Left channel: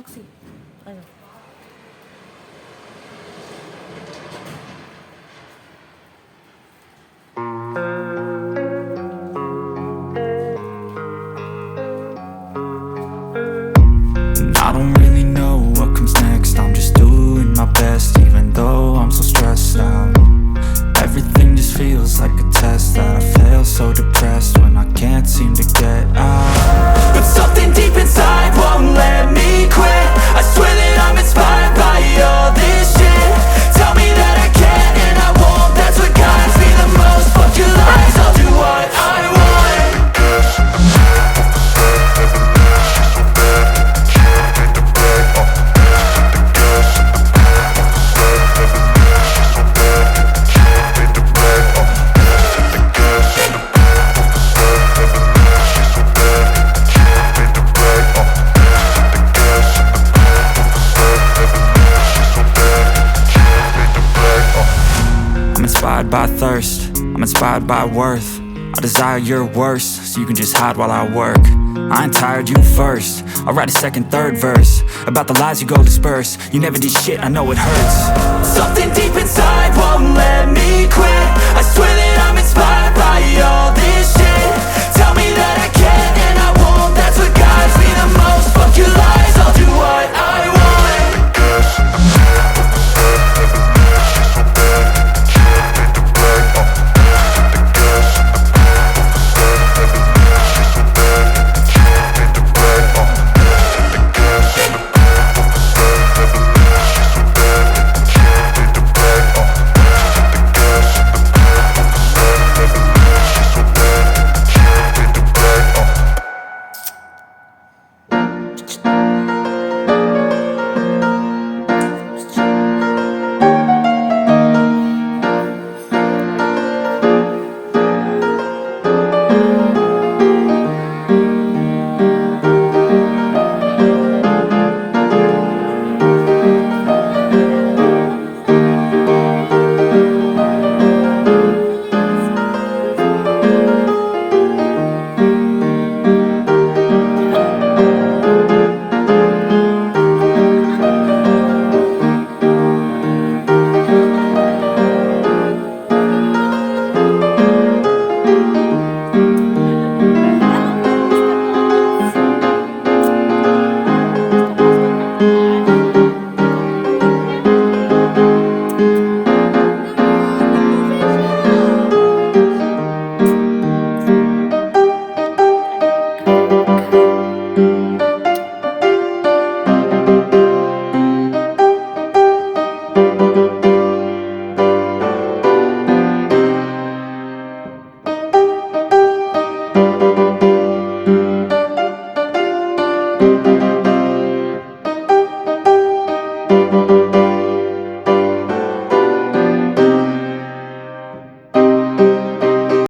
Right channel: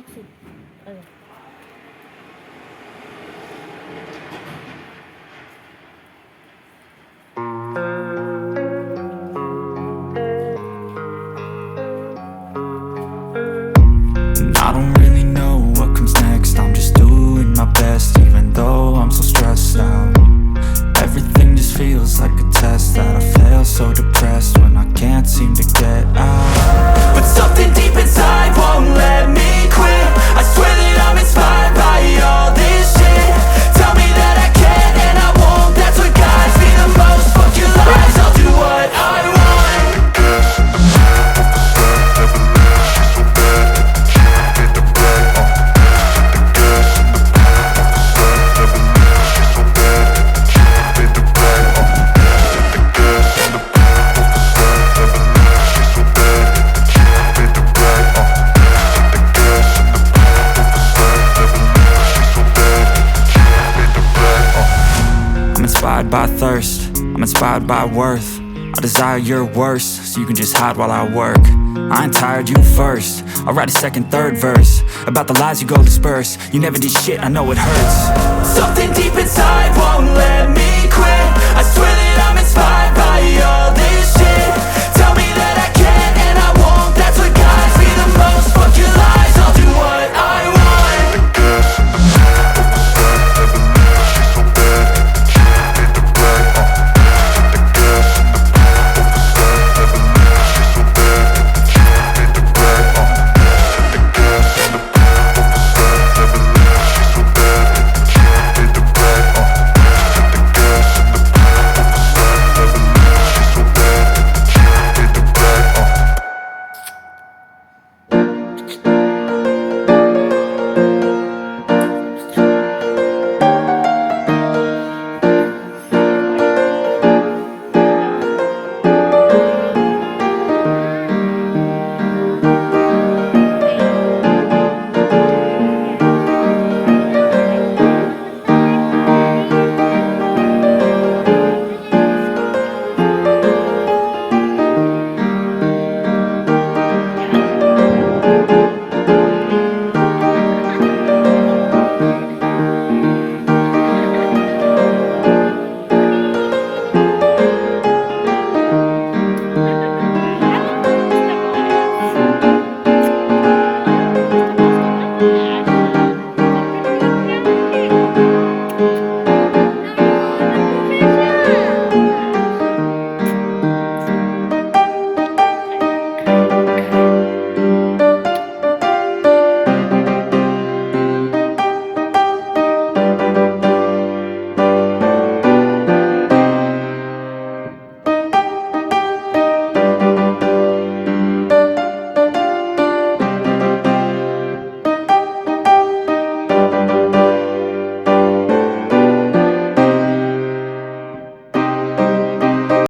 toxic. Ano? And I don't really know what comes next. I'm just doing my best, even though I'm so stressed out. Everything just feels like a test that I fail, so depressed when I can't seem to get out. But something deep inside won't let me quit. I swear that I'm inspired by all this shit. Tell me that I can and I won't. That's what guides me the most. Fuck your lies, I'll do what I want. I'm inspired by thirst, I'm inspired by worth. I desire your worst, so you can just hide while I work. I ain't tired, you first. I'll write a second, third verse about the lies you go disperse. You never did shit, I know it hurts.